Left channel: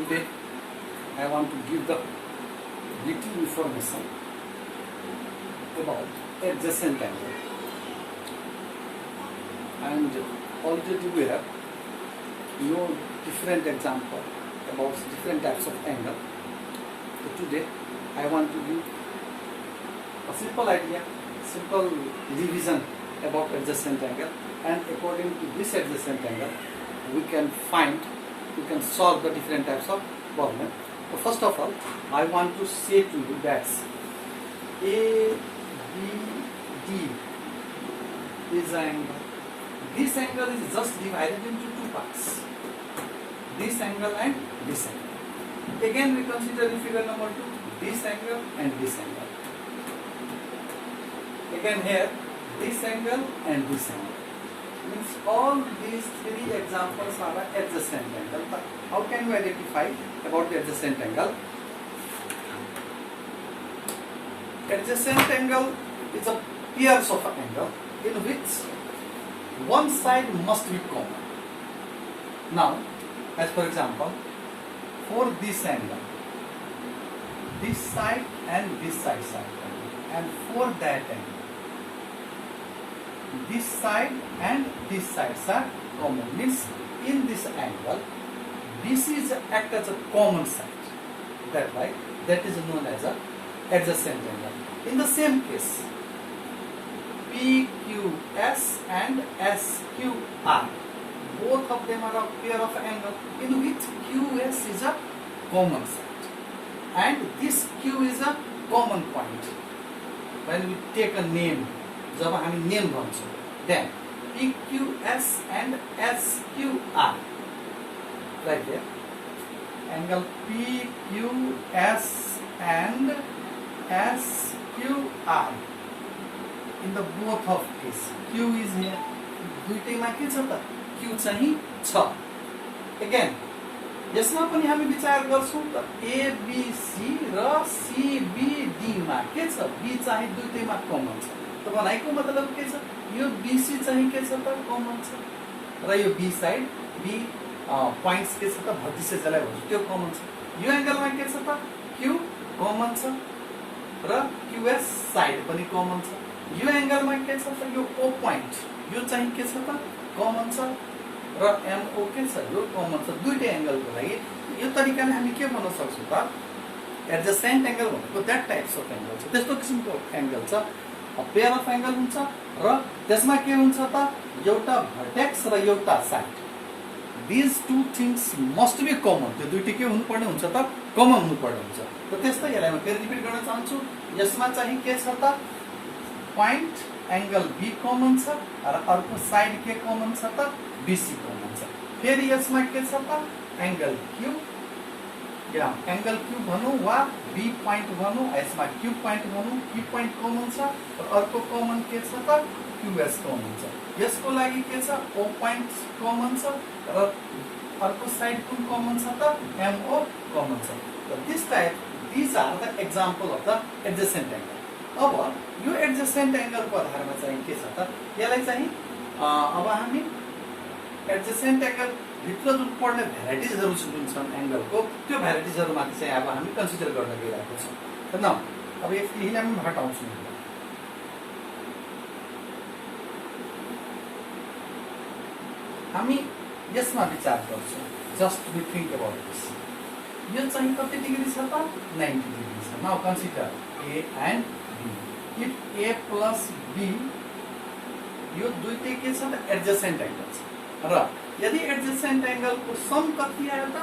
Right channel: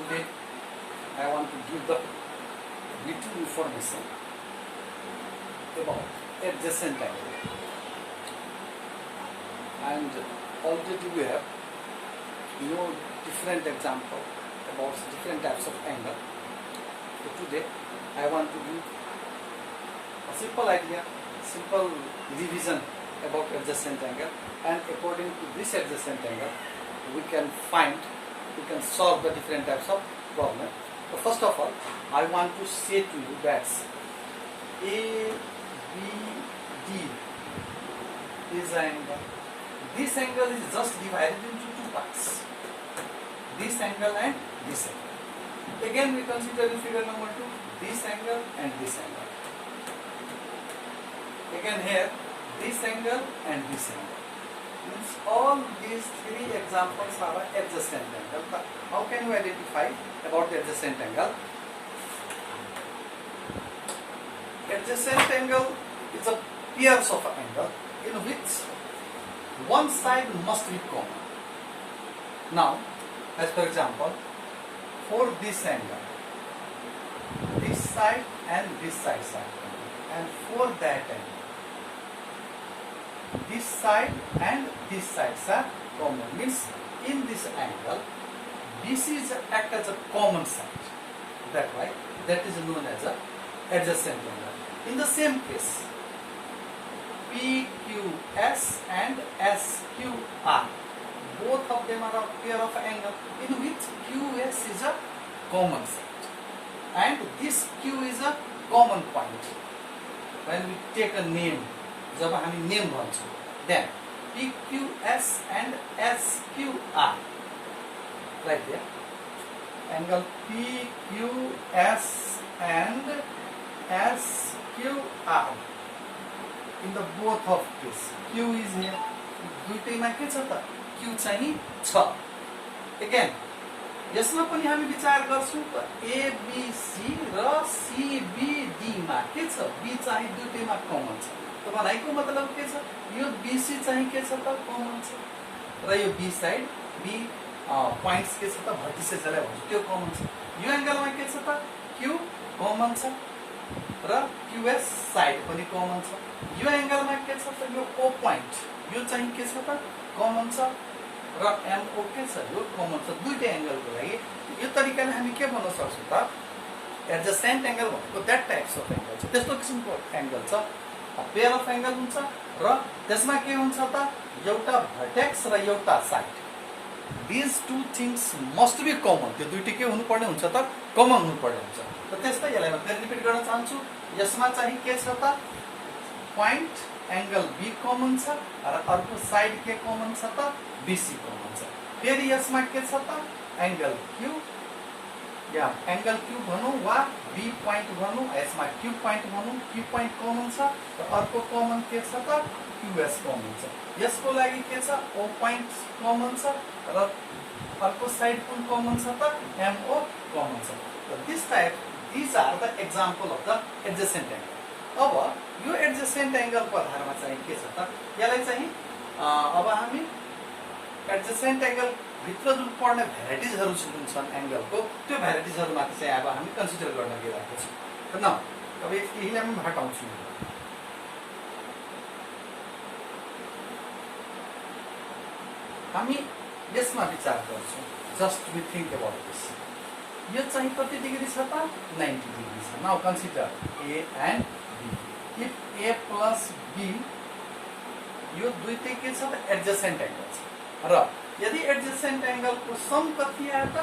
today I want to give the little information about adjacent angle. And already we have different example about different types of angle. So today I want to give a simple idea, simple revision about adjacent angle, and according to this adjacent angle we can solve the different types of problem. So first of all, I want to say to you that ABD is an angle. This angle is just divided into two parts. This angle and this angle. Again we consider in figure number 2 this angle and this angle. Again here this angle and this angle. Means all these three examples are adjacent angle. But how can we identify about the adjacent angle? Adjacent angle is a pairs of angle in which one side must be common. Now, as for example, for this angle, this side and this side are common, and for that angle, this side and this sides are common. Means in this angle, BC is act as a common side. That right? That is known as a adjacent angle. In the same case, PQS and SQR, both of them are a pair of angle in which QS is a common side and this Q is a common point. When we take a name, जब हामी name भन्छौं, then PQS and SQR, right there, angle PQS and SQR in the both of case, Q is here. दुईटैमा के छ त Q चाहिँ छ. Again, यसमा पनि हामी विचार गर्छौं त ABC र CBD मा के छ, B चाहिँ दुईटैमा कमन छ. तो भनाइको मतलब के छ, यो BC चाहिँ के छ त कमन छ र यो B साइड B पॉइंट्स के छ त भर्टिसेस जसलाई भन्छ त्यो कमन छ. यो एंगलमा के छ त Q कमन छ र QS साइड पनि कमन छ. यो एंगलमा के छ त यो O पॉइंट यो चाहिँ के छ त कमन छ र MO के छ यो कमन छ. दुईटै एंगलको लागि यो तरिकाले हामी के भन्न सक्छौं त एडजसेन्ट एंगल भनेको द्याट टाइप्स अफ एंगल छ. त्यस्तो किसिमको एंगल छ, पेयर अफ एंगल हुन्छ र त्यसमा के हुन्छ त एउटा भर्टेक्स र एउटा side. These two things must be common. त्यो दुईटै के हुनुपर्ने हुन्छ त कमन हुनुपर्ने हुन्छ. र त्यस्तै यसलाई म फेरि रिपिट गर्न चाहन्छु. यसमा चाहिँ के छ त पॉइंट एंगल B कमन छ र अर्को साइड के कमन छ त BC कमन छ. फेरि यसमा के छ त एंगल Q या एंगल Q भनौं वा B पॉइंट भनौं, यसमा Q पॉइंट भनौं, Q पॉइंट कमन छ र अर्को कमन के छ त QS कमन छ. यसको लागि के छ O पॉइंट कमन छ र अर्को साइड कुन कमन छ त MO कमन छ. These are the example of the adjacent angle. अब यो एडजसेन्ट एंगलको आधारमा चाहिँ के छ त यसलाई चाहिँ अब हामी एडजसेन्ट एंगल भित्र जुन पर्ने भेराइटिजहरु छन् एंगलको त्यो भेराइटिजहरुमाथि चाहिँ अब हामी कन्सिडर गर्न गइरहेका छौं. त न अब यही हामी हटाउँछौं. हामी यसमा विचार गर्छौं. Just we think about this. यो चाहिँ कति डिग्री छ त 90 डिग्री छ. Now consider A and B. If A plus B यो दुईटै के छ त एडजसेन्ट एंगल छ र यदि एडजसेन्ट एंगल को सम कति आयो त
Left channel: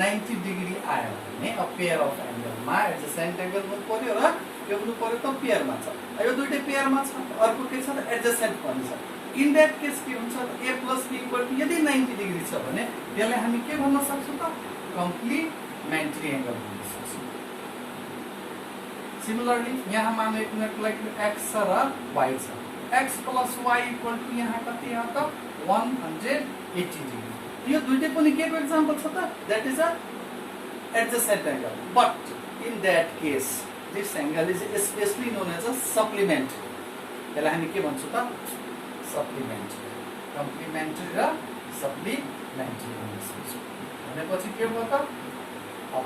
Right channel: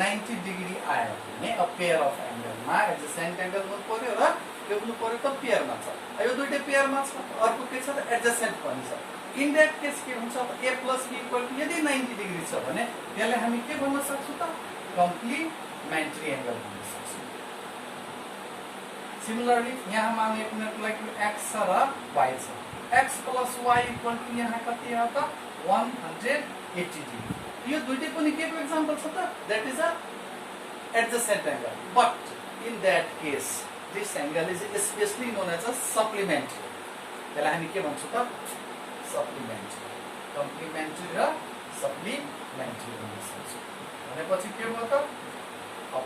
90 डिग्री आयो भने अ पेयर अफ एंगल मा एडजसेन्ट एंगल हुनु पर्यो र यो हुनु पर्यो त पेयर मा छ. यो दुईटै पेयर मा छ. अर्को के छ त एडजसेन्ट पनि छ. इन दैट केस के हुन्छ त A plus B equal to यदि 90 डिग्री छ भने त्यसलाई हामी के भन्न सक्छौं त कम्प्लिमेन्ट्री एंगल भन्न सक्छौं. सिमिलरली यहाँ मानेको लागि x र y छ. x plus y equal to यहाँ कति आयो त 180 डिग्री. यो दुईटै पनि के को एक्जाम्पल छ त that is a adjacent angle. But in that case this angle is specially known as a supplementary. त्यसलाई हामी के भन्छौं त सप्लिमेन्ट्री. कम्प्लिमेन्ट्री र सप्लिमेन्ट्री भनेपछि के भयो त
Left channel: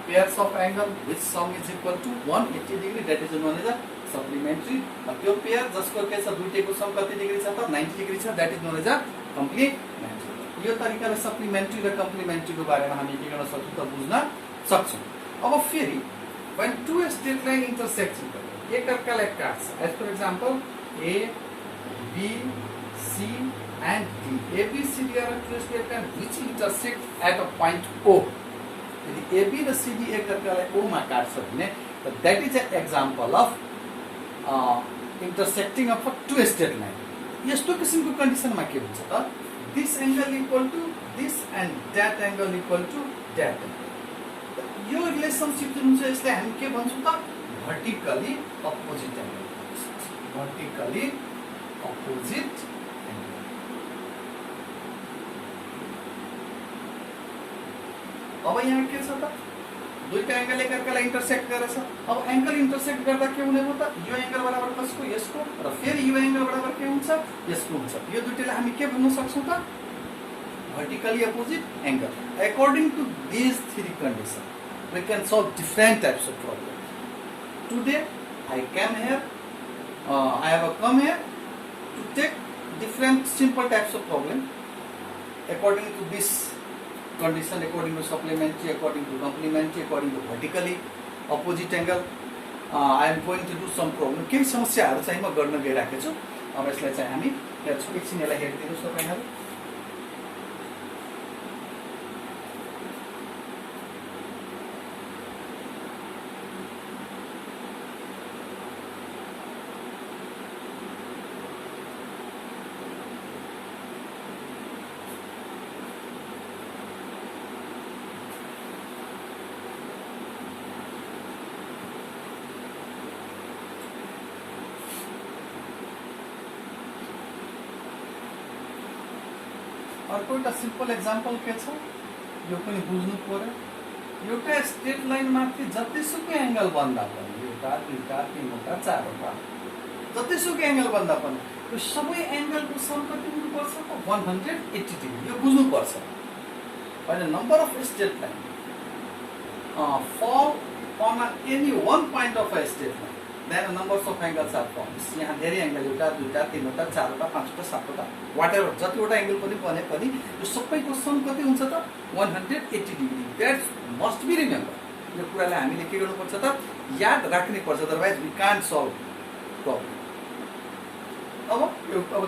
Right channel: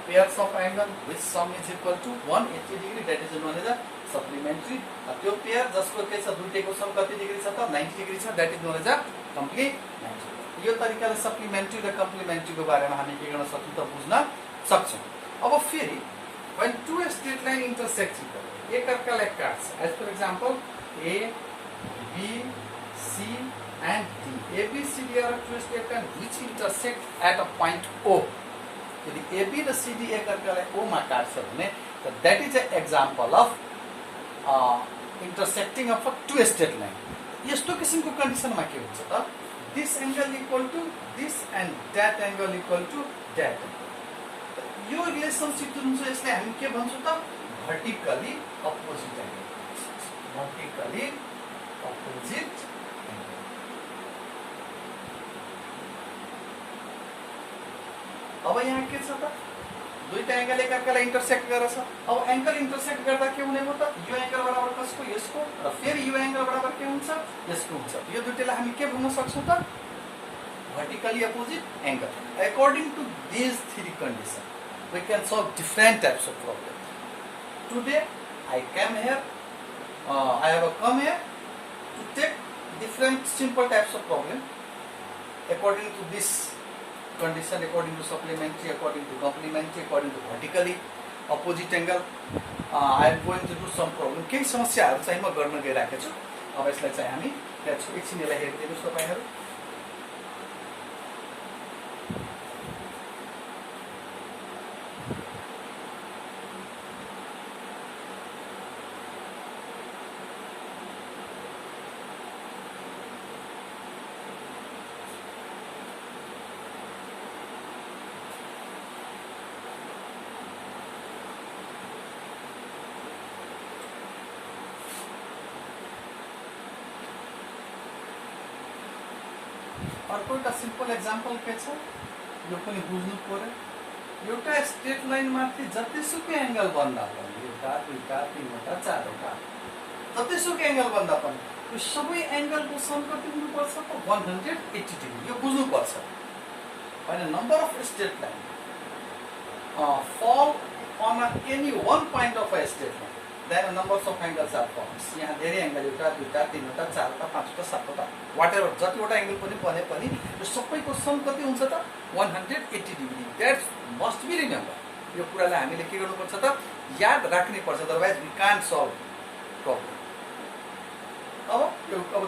pairs of angle which sum is equal to 180 degree, that is known as a supplementary. त्यो पेयर जसको के छ दुईटैको सम कति डिग्री छ त 90 डिग्री छ, that is known as a complementary. यो तरिकाले सप्लिमेन्ट्री र कम्प्लिमेन्ट्रीको बारेमा हामी के गर्न सक्छौं त बुझ्न सक्छौं. अब फेरि when two straight line intersect each other, एक अर्कालाई काट्छ. As for example, A, B, C and D. A, B, C, D are two straight line which intersect at a point O. यदि A, B र C, D एक अर्कालाई O मा काट्छ भने that is an example of intersecting of a two straight line. यस्तो किसिमको कन्डिसनमा के हुन्छ त this angle equal to this and that angle equal to that. यो रिलेशनशिप जुन हुन्छ यसले हामी के भन्छौं त vertically opposite angle. Vertically opposite angle. अब यहाँ के छ त दुईटा एंगल एक अर्कालाई इंटरसेक्ट गरेछ. अब एंगल इंटरसेक्ट गर्दा के हुने हो त यो एंगल बराबर कसको यसको र फेरि यो एंगल बराबर के हुन्छ यसको हुन्छ. यो दुईटालाई हामी के भन्न सक्छौं त vertically opposite angle. According to these three conditions, we can solve different types of problems. Today I came here, I have come here to take different simple types of problem according to this condition, according to supplementary, according to complementary, according to vertically opposite angle. I am going to do some problem. केही समस्याहरु चाहिँ म गर्न गइराखेको छु. अब यसलाई चाहिँ हामी हेर्छौं. एकछिन यसलाई हेरिदिनुस् तपाईहरु. अर्को एउटा सिम्पल एक्जाम्पल के छ यो पनि बुझ्नु पर्यो. एउटा स्ट्रेट लाइन माथि जतिसुकै एंगल बन्दा पनि एउटा दुईटा तीनवटा चारवटा जतिसुकै एंगल बन्दा पनि यो सबै एंगलको सम कति हुनुपर्छ त 180 डिग्री. यो बुझ्नु पर्छ. When a number of straight line fall on any one point of a straight line, then numbers of angles are formed. यहाँ धेरै एंगल एउटा दुईटा तीनवटा चारवटा पाँचवटा सातवटा whatever जतिवटा एंगल पनि बने पनि यो सबैको सम कति हुन्छ त 180 degree. That must be remember. यो कुरालाई हामीले के गर्नुपर्छ त याद राख्नै पर्छ. Otherwise we can't solve problem. अब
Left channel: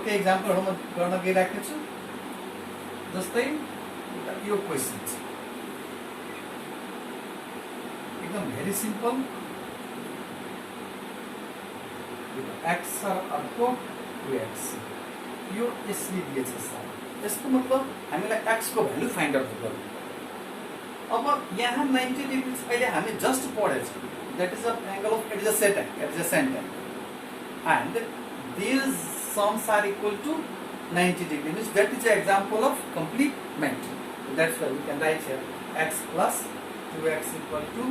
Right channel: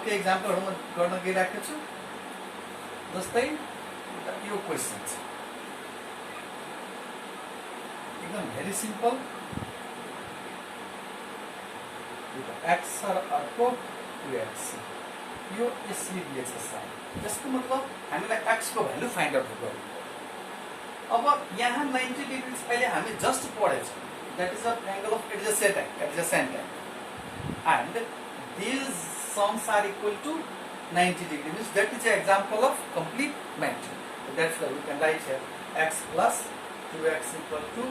के एक्जाम्पलहरु म गर्न गइराखेको छु. जस्तै यो क्वेशन छ एकदम भेरी सिम्पल. x और अर्को 2x यो यसले दिएछ साइन. यसको मतलब हामीलाई x को भ्यालु फाइन्ड आउट गर्नु. अब यहाँ 90 डिग्री अहिले हामी जस्ट पढेछौं. That is the angle of adjacent and these sums are equal to 90 degree, means that is an example of complementary. So that's why we can write here x plus 2x equal to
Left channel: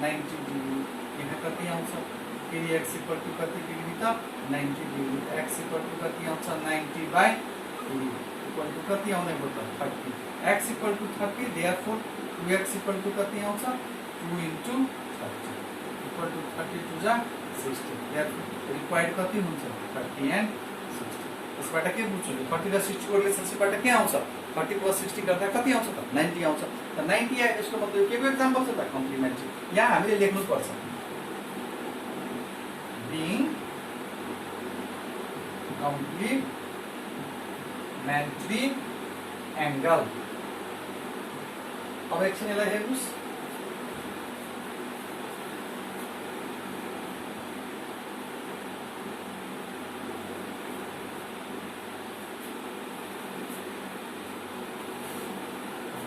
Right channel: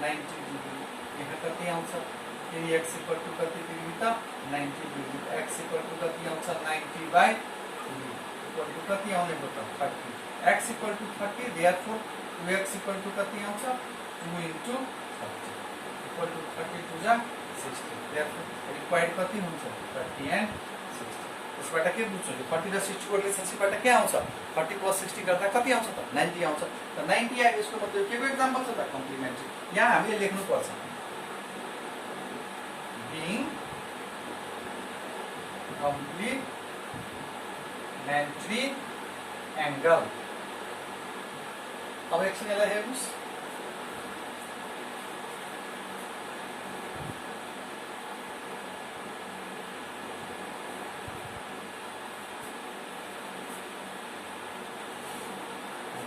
90 degree. यहाँ कति आउँछ के x equal to कति degree त 90 degree. x equal to कति आउँछ 90 by 3 equal to कति आउने भयो त 30. x equal to 30, therefore 2x equal to कति आउँछ 2 into 30 equal to 30 to the 60. Therefore required कति हुन्छ 30 and 60. यसबाट के बुझ्छौ 30 र 60 को रिलेसनशिपबाट के आउँछ 30 plus 60 गर्दा कति आउँछ त 90 आउँछ. त 90 आए यसको मतलब के को एक्जाम्पल छ त कम्प्लिमेन्ट्री. यहाँ हामीले लेख्नु पर्छ being complementary angle. अब एकछिन यसलाई हेर्नुस्.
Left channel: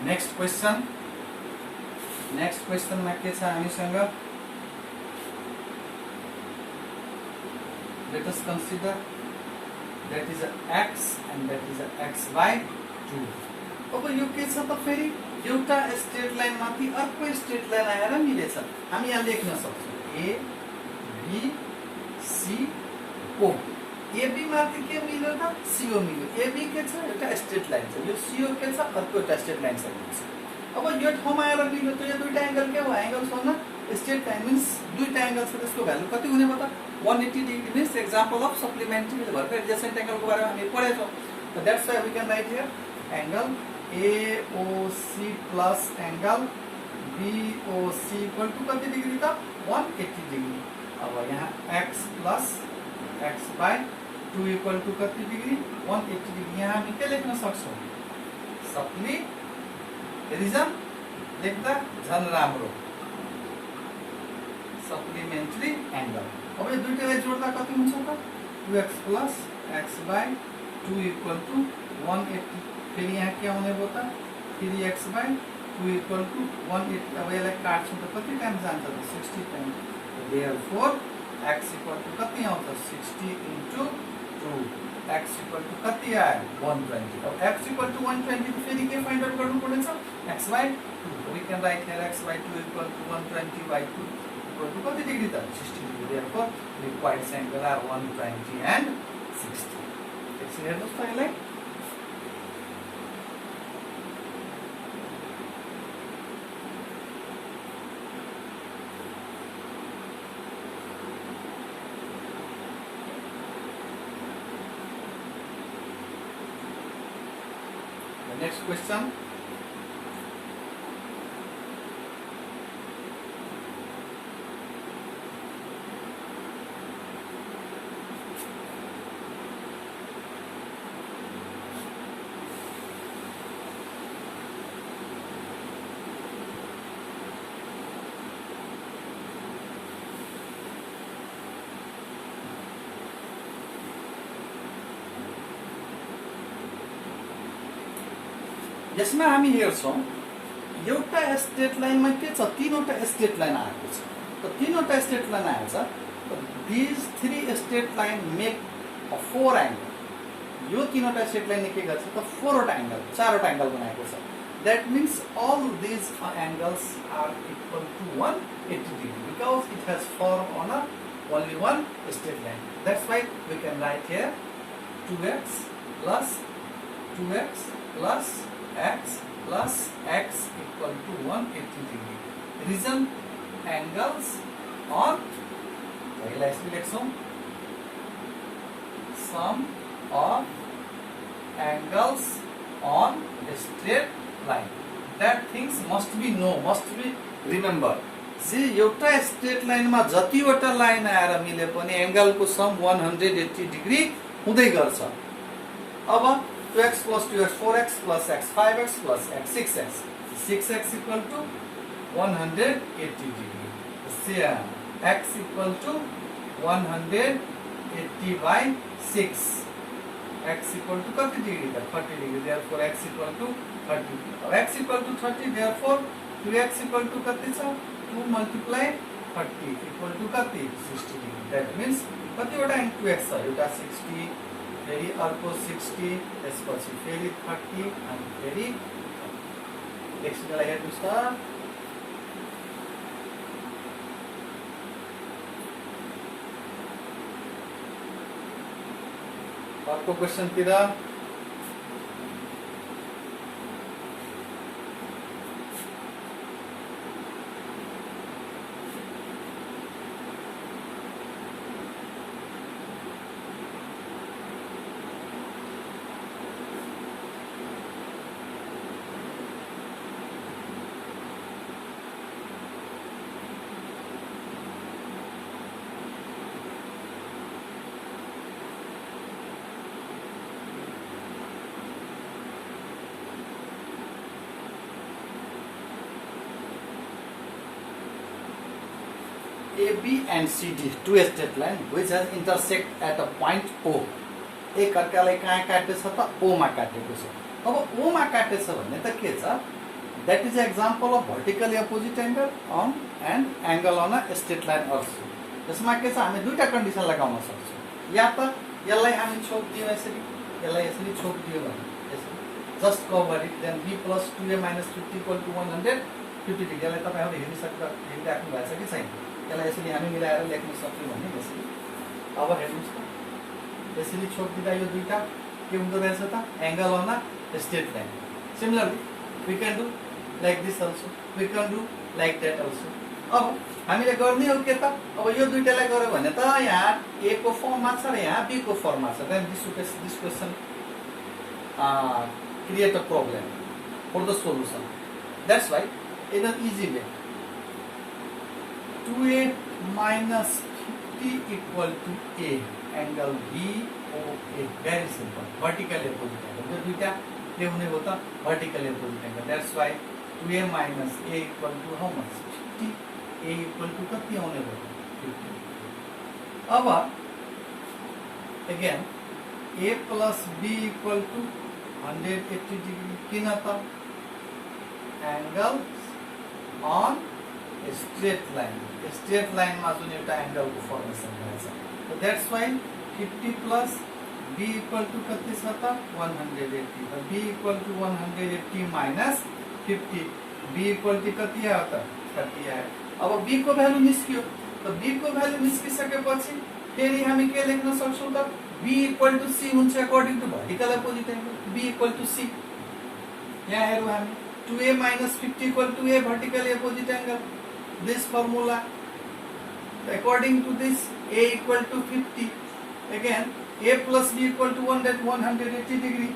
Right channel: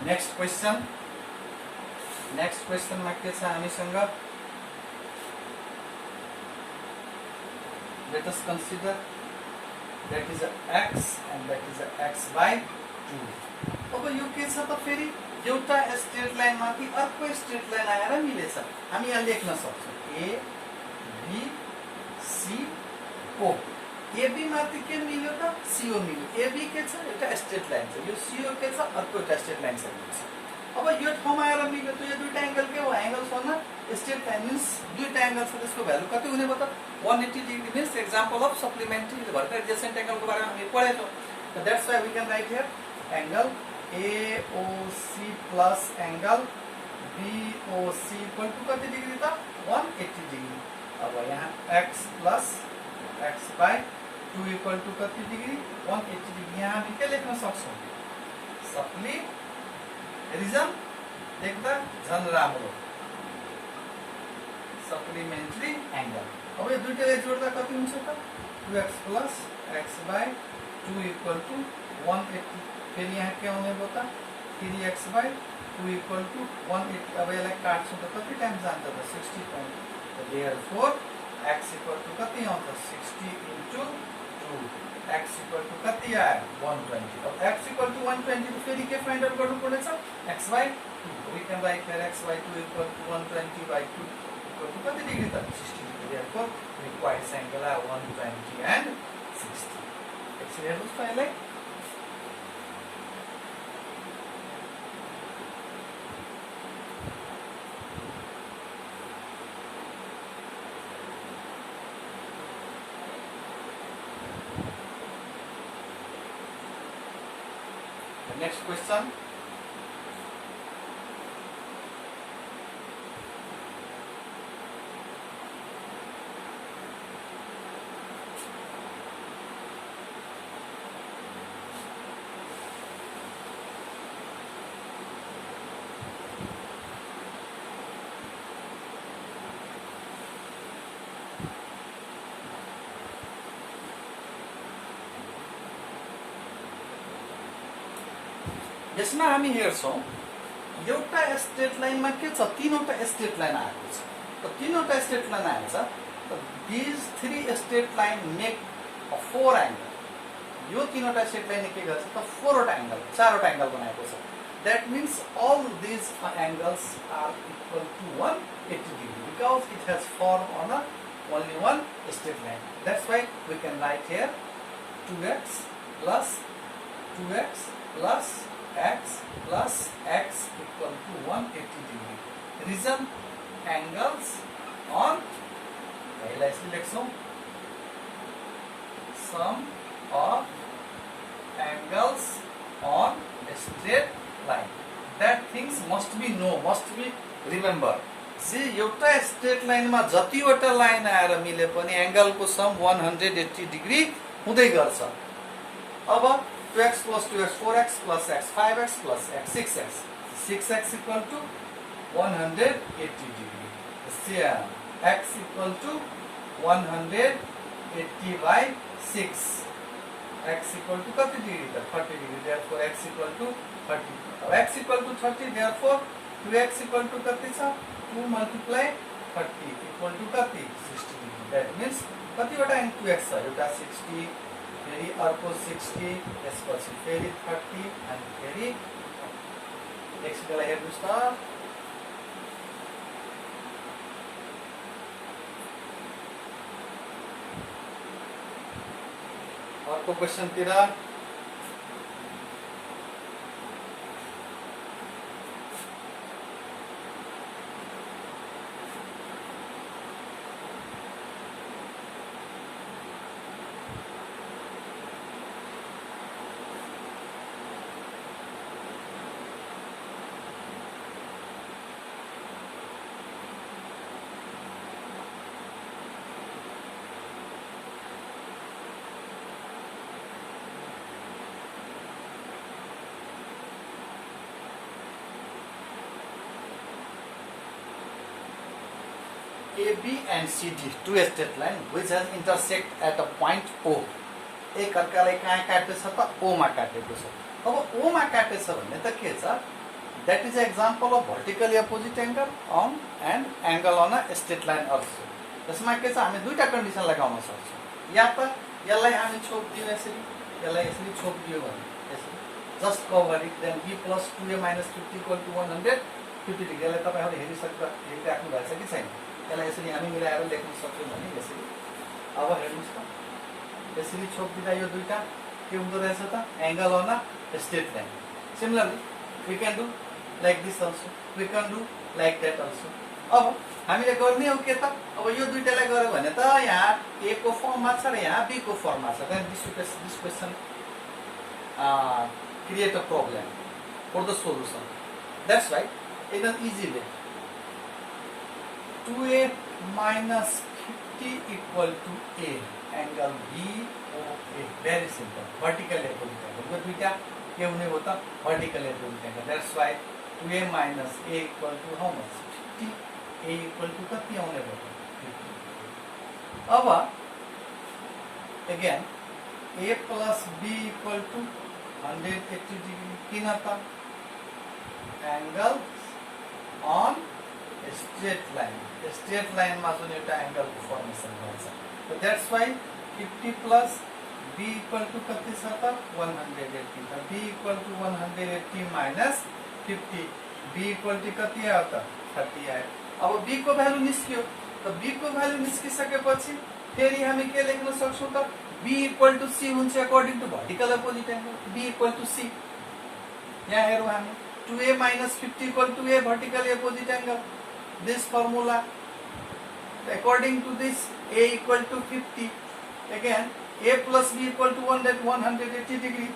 नेक्स्ट क्वेश्चन मा के छ हामीसँग. Let us consider that is a x and that is a x by 2. अब यो के छ त फेरि एउटा स्ट्रेट लाइन माथि अर्को स्ट्रेट लाइन आएर मिलेछ. हामी यहाँ लेख्न सक्छौं a b c o. a b माथि के मिल्यो त c o मिल्यो. a b के छ एउटा स्ट्रेट लाइन छ. यो c o के छ अर्को एउटा स्ट्रेट लाइन छ. अब यो ठाउँमा आएर मिल्यो त्यो दुईटा एंगल के हो एंगल्स हो न स्ट्रेट लाइन मीन्स दुईटा एंगल छ त्यसको भ्यालु कति हुने भयो त 180 degree means example of supplementary भर्खर एडजेसेन्ट एंगल को बारेमा हामीले पढेछौँ so that's why we can write here angle AOC plus angle BOC equal to कति डिग्री त 180 डिग्री अब यहाँ x plus x by 2 equal to कति डिग्री 180 डिग्री यहाँ हामी के लेख्न सक्छौँ सप्ली रिजन देख्दा झन राम्रो सप्लिमेन्ट्री एंगल अब यो दुईटालाई जोड्दा कति हुन्छ त 2x plus x by 2 equal to 180 फेरि यहाँ के आउने भयो त 3x by 2 equal to 180 अब यसलाई काट्छौँ त कति टाइम जान्छ त 60 time therefore x equal to कति आउँछ 60 into 2 x equal to कति आयो 120 अब x equal to 120 को फेरि के फाइन्ड आउट गर्नु पर्नेछ x by 2 we can write here x by 2 equal to 120 by 2 equal to कति डिग्री त 60 degree therefore required angle are 120 and 60 एकछिन हेर्नुस् त यसलाई next question यसमा हामी हेर्छौं एउटा स्ट्रेट लाइनमा के छ तीनवटा स्ट्रेट लाइन आएको छ त तीनवटा स्ट्रेट लाइन आएछ त these three straight line make a four angle यो तीनवटा स्ट्रेट लाइनले के गर्छ त फोरवटा एंगल चारवटा एंगल बनाएको छ that means all these angles are equal to 180 degree because it has formed on a only one straight line that's why we can write here 2x plus 2x plus x plus x equal to 180 degree. Reason angles on sum of angles on a straight line. That things must be know, must be remember. जी एउटा straight लाइनमा जतिवटा line आएर मिले पनि एंगलको some 180 degree हुँदै गर्छ अब 2x plus 2x 4x plus x 5x plus x 6x 6x equal to 180 degree so x equal to 180 by 6 x equal to कति डिग्री त 30 degree therefore x equal to 30 अब x equal to 30 therefore 2x equal to कति छ 2 multiply 30 equal to कति 60 degree that means कतिवटा 2x छ एउटा 60 फेरि अर्को 60 त्यसपछि फेरि 30 अनि फेरि एक्सलाई हेर्नुस् त अर्को क्वेशन तिर AB and CD two straight line which has intersect at a point O एक अर्कालाई कहाँ काट्दैछ त O मा काटेको छ अब O मा काटेछ भने त के छ that is an example of vertically opposite angle on and angle on a straight line also यसमा के छ हामी दुईटा कन्डिसन लगाउन सक्छौं या त यसलाई हामी छोप्दियौ यसरी छोप्दियौ भने यसरी just cover it then B plus 2A minus 50 equal to 150 degree यसलाई तपाईहरुले हेरिसक्दा हेरिराख्नु भएको छ कि छैन यसलाई यसरी हामी मिलाएर लेख्न सक्छौं भने यसरी अब हेर्नुस् त यसरी छोप्दिदा यो दुईटा के हुँदो रहेछ त angle on a straight line similarly we can do like this also. We can do like that also. अब हामीले गर्ने हो के त, अब यो दुईटालाई गर्यो भने त यहाँ A को फर्ममा छ र यहाँ B को फर्ममा छ. Then this question create a problem for the solution. That's why in an easy way, 2A minus 50 equal to A, angle BOA. Very simple. Vertical opposite angle. जो दुईटा ले हुने हो त vertical opposite angle. That's why 2A minus A equal to how much? 50. A equal to कति आउने भयो? 50. अब again A plus B equal to 180 degree. किन त? Angle on a straight line. A straight line मा जुन एउटा angle को formation भन्छ. So that's why 50 plus B equal to कति छ त? 180. So B equal to 180 minus 50. B equal to कति आयो त? 30 आयो. अब B को भ्यालु निस्क्यो. तो B को भ्यालु निस्किसकेपछि फेरि हामी के लेख्न सक्छौं त? B equal to C हुन्छ according to vertical opposite angle. B equal to C. यहाँ हेरौँ हामी 2A minus 50 equal to A vertically opposite angle. This formula, according to this, A equal to 50. Again, A plus B equal to 180 degree.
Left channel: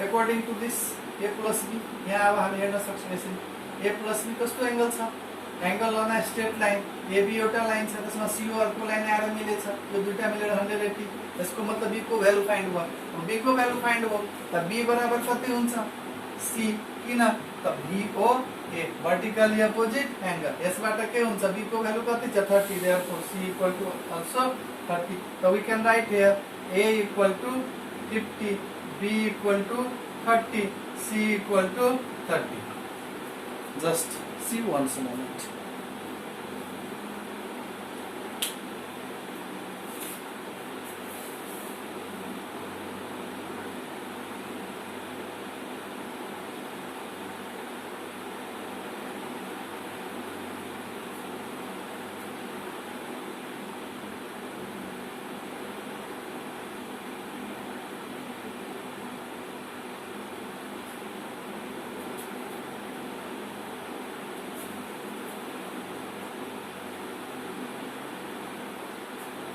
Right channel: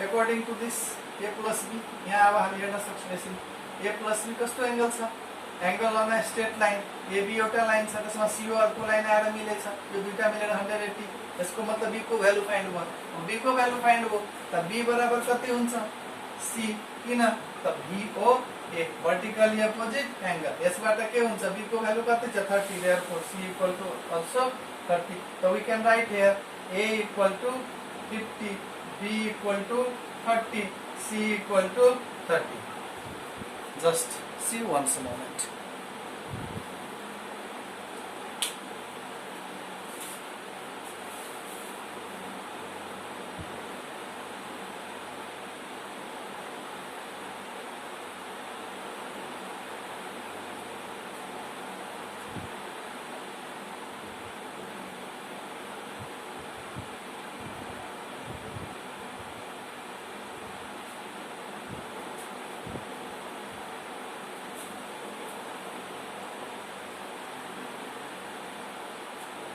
According to this, A plus B. यहाँ अब हामी हेर्न सक्छौं A plus B कस्तो angle छ? Angle on a straight line. AB एउटा line छ, त्यसमा CO अर्को लाइन आएर मिलेछ. यो दुईटा मिलेर 180. यसको मतलब B को भ्यालु फाइन्ड भयो. B को भ्यालु फाइन्ड भयो त B बराबर कति हुन्छ? C. किन त BOA vertically opposite angle. यसबाट के हुन्छ? B को भ्यालु कति छ? 30. Therefore C equal to also 30. So we can write here A equal to 50, B equal to 30, C equal to 30. Just see once a moment.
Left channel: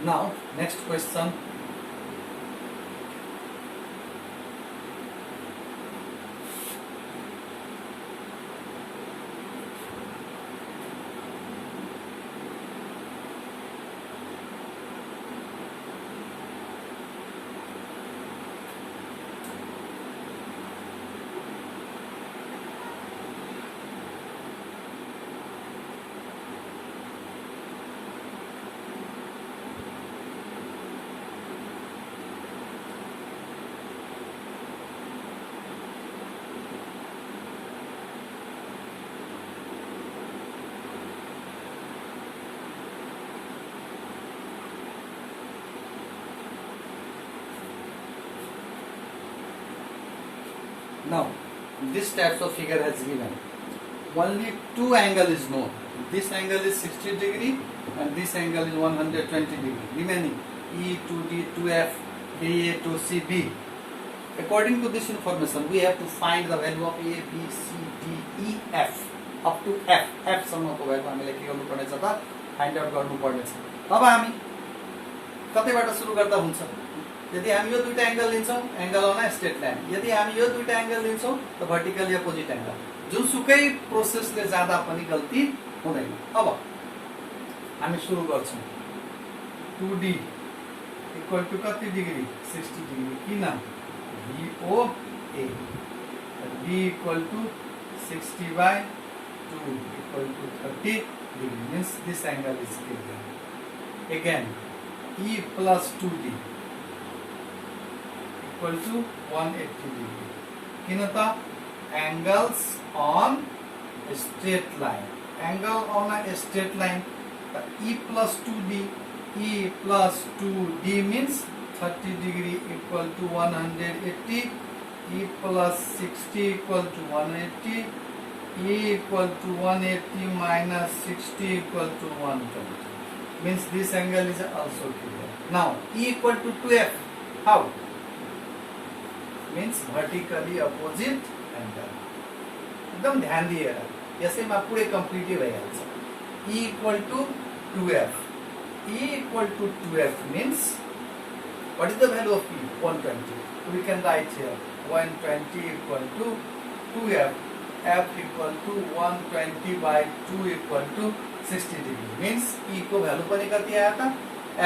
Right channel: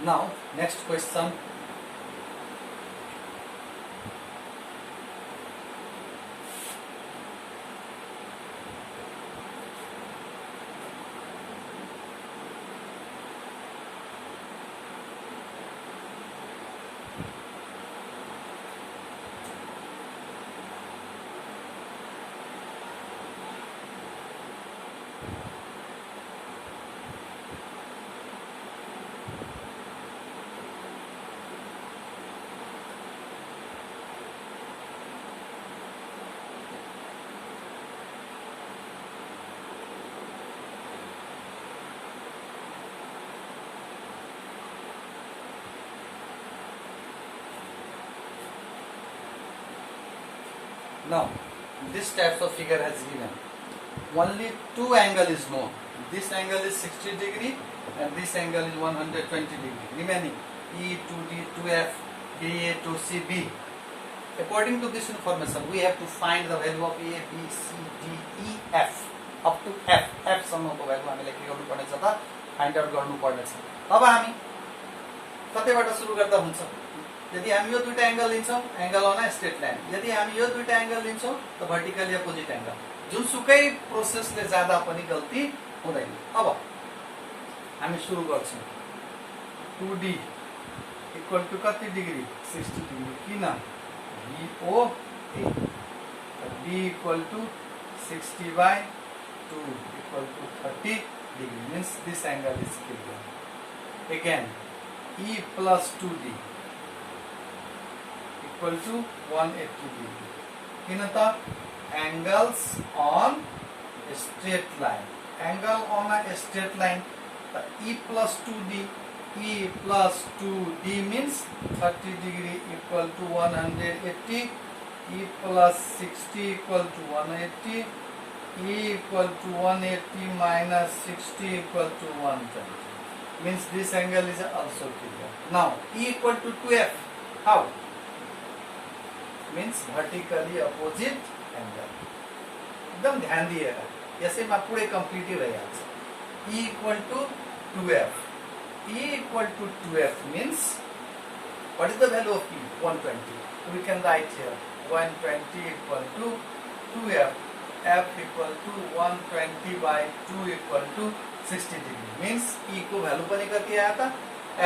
Now, next question. Now, this type of figure has given. Only two angles is known. This angle is 60 degree and this angle is 120 degree. Remaining E to D to F, A to C, B. According to this information, we have to find the value of A, B, C, D, E, F. Up to F. F सम्मको value हामीले के गर्नु पर्नेछ त? Find out गर्नु पर्नेछ. अब हामी कतैबाट सुरु गर्दा हुन्छ? यदि हामी यो दुईटा एंगल लिन्छौं, angle on a straight line. यदि हामी यो दुईटा एंगल लिन्छौं त भर्टिकली अपोजिट एंगल. जुनसुकै प्रोसेसले जाँदा पनि गल्ती हुँदैन. अब हामी सुरु गर्छौं. 2D इक्वल टु कति डिग्री? 60 डिग्री. किन? BOA. D equal to 60 by 2 equal to 30 degree. Means this angle is given. Again, E plus 2D equal to 180 degree. Kinata angles on a straight line. Angle on a straight line. The E plus 2D. E plus 2D means 30 degree equal to 180. E plus 60 equal to 180. E equal to 180 minus 60 equal to 120. Means this angle is also clear. Now E equal to 2F. How? Means vertically opposite angle. एकदम ध्यान दिएर यसैमा पुरै कम्प्लिटै भइहाल्छ E equal to 2f. E equal to 2f means what is the value of P? 120. We can write here 120 equal to 2f. F equal to 120 by 2 equal to 60 degree. Means E को value पनि कति आयो त?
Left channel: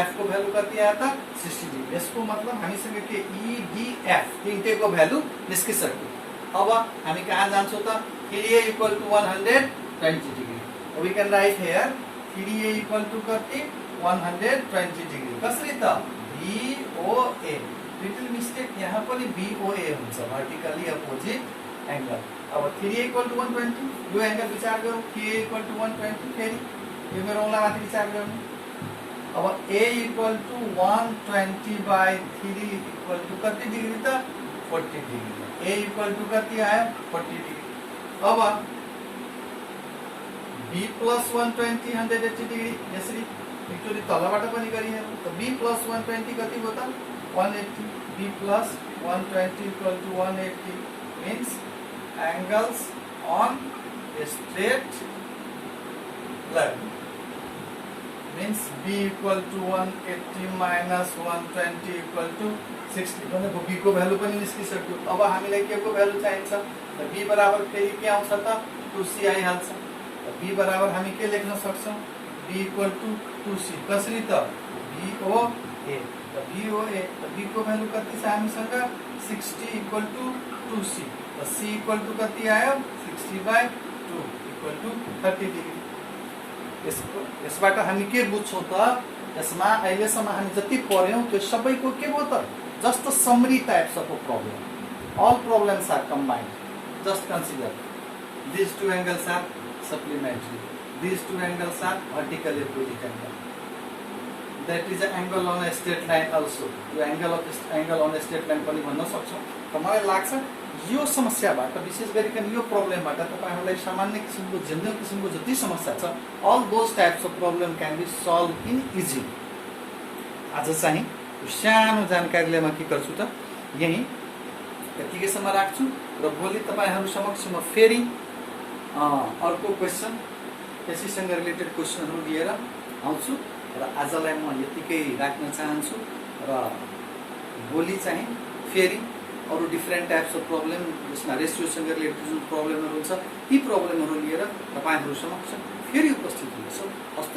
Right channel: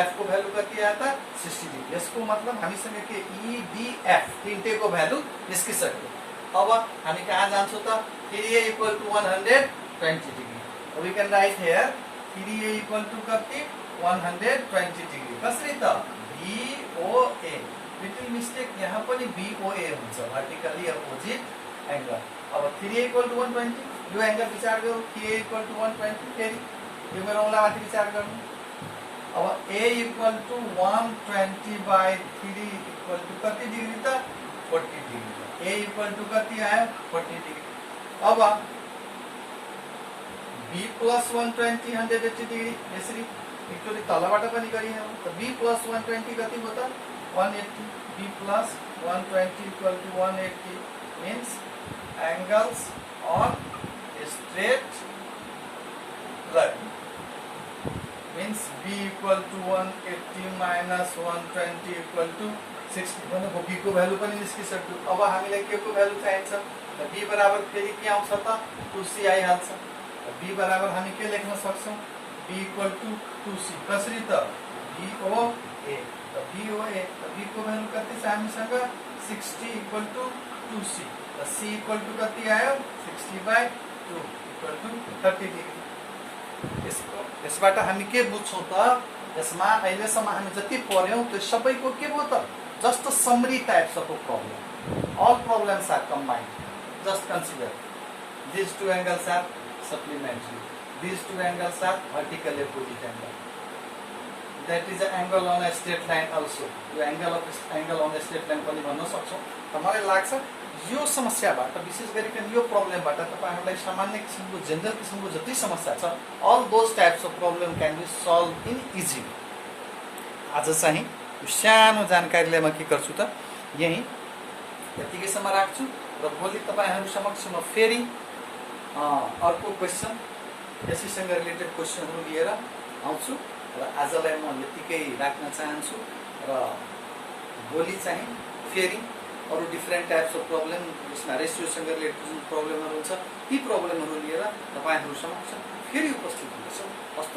F को value कति आयो त? 60 degree. यसको मतलब हामीसँग के E, D, F तीनटैको value निस्किसक्यो. अब हामी कहाँ जान्छौँ त? 3A equal to 120 degree. We can write here 3A equal to कति? 120 degree. कसरी त? BOA. Little mistake यहाँ पनि BOA हुन्छ, vertically opposite angle. अब 3A equal to 120 यो एंगल विचार गरौँ 3A equal to 120 फेरि यो मेरो औँलामाथि विचार गर्नु. अब A equal to 120 by 3 equal to कति डिग्री त? 40 डिग्री. A equal to कति आयो? 40 डिग्री. अब B plus 120 180 डिग्री यसरी एकचोटि तलबाट पनि गरिहाल्नु. त B plus 120 कति हो त? 180. B plus 120 equal to 180 means angles on a straight line means B equal to 180 minus 120 equal to 60. भनेको B को भ्यालु पनि निस्किसक्यो. अब हामीलाई के को भ्यालु चाहिन्छ? त B बराबर फेरि के आउँछ त? 2C आइहाल्छ. B बराबर हामी के लेख्न सक्छौं? B equal to 2C. कसरी त? BOA. त BOA. त B को भ्यालु कति छ हामीसँग? 60 equal to 2C. त C equal to कति आयो? 60 by 2 equal to 30 डिग्री. यसबाट हामी के बुझ्छौं त? यसमा अहिलेसम्म हामी जति पढ्यौं त्यो सबैको के भयो त? Just a summary types of a problem. All problems are combined. Just consider these two angles are supplementary. These two angles are vertically opposite angle. That is the angle on a straight line also. यो angle on a straight line पनि भन्न सक्छौं. त मलाई लाग्छ यो समस्याबाट विशेष गरिकन यो प्रब्लमबाट तपाईहरुलाई सामान्य किसिमको जनरल किसिमको जति समस्या छ all those types of problem can be solved in easy. आज चाहिँ यो सानो जानकारीले म के गर्छु त यही यतिकैसम्म राख्छु र भोलि तपाईहरु समक्ष म फेरि अर्को क्वेशन यसैसँग रिलेटेड क्वेशनहरु लिएर आउँछु र आजलाई म यतिकै राख्न चाहन्छु र भोलि चाहिँ फेरि अरु डिफरेंट टाइप्स अफ प्रब्लम यसमा रेशियोसँग रिलेटेड जुन प्रब्लमहरु हुन्छ ती प्रब्लमहरु लिएर तपाईहरु समक्ष फेरि उपस्थित हुनेछु. हस्त